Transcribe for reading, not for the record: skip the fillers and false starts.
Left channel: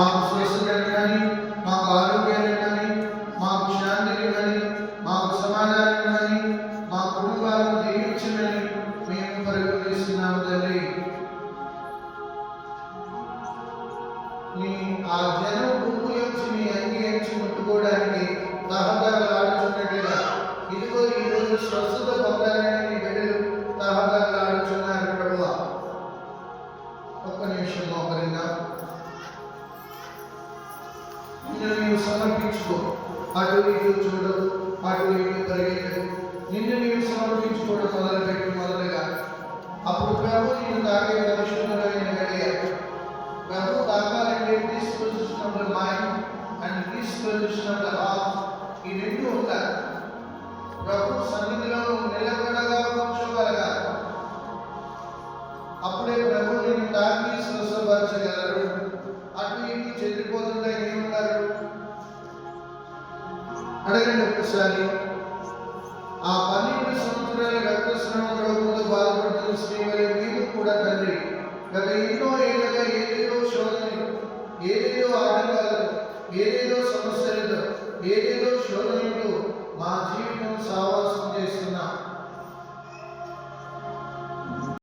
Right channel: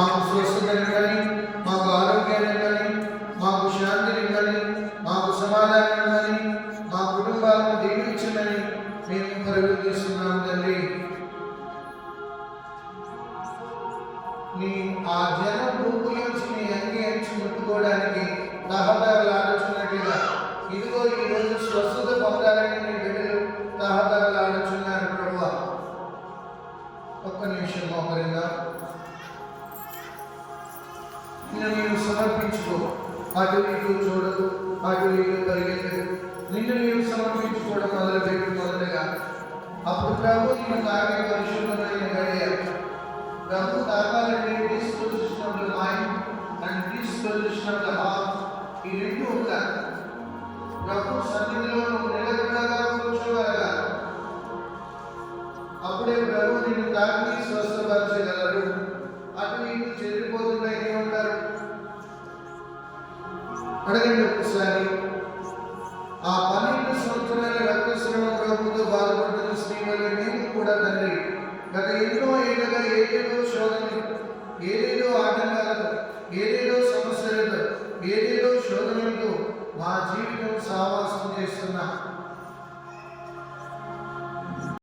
మాకు స్వస్థతనివ్వని, మాకు ఆరోగ్యాన్ని, మాకు శాంతినివ్వని, మాకు సమాధానాన్ని, మా కుటుంబాలను దీవించమని మేము పరుగుతీస్తున్నాం తండ్రి. నీ ఆ జనం భూమిలోంచి నీ అంగి అంచి ముట్టుకోవడానికి తహతహలాడుచున్నట్లుగా ఇదిగో ఈరోజు స్వస్థత పొందాలని నీ బిడ్డలు తహతహలాడుచున్నారు ప్రభువా. ఒక్క నిమిషం మోకరిందా నిన్ను నీవు సమర్పించుకో. అటు ఇటు చూడవు, అటు ఇటు పరిగెత్తకు. నిన్ను నీవు సమర్పించుకోవడం మొదలుపెట్టి మొదలుగా అప్పుడు ప్రభు నిన్ను తాగే పరిశుభ్రమైన గడియ. ప్రభు తాకాలంటే disposition of the mind and disposition of the heart, ఈ రెండు ఉండాలి. ప్రభు సన్నిధిలో నిలకడగా కూర్చోగలగాలి. అప్పుడే ప్రభు నిన్ను తాకి స్వస్థపరచగలరు. అటు ఇటు చెదిరిపోకుండా ఏముంటారు అడగండి ఒక్కసారి. ఆ 12 సంవత్సరాల రక్తస్రావ రోగంతో బాధపడుతున్న స్త్రీ వలె మేము కూడా తండ్రి గత ఎన్నో ఏళ్ళగా ఏదేదో శోధనలు, ఏదేదో ఆటంకాలతో, ఏదేదో సమస్యలతో, ఏదేదో శోధనలతో మా జీవితం సావాసం చేస్తున్నాం.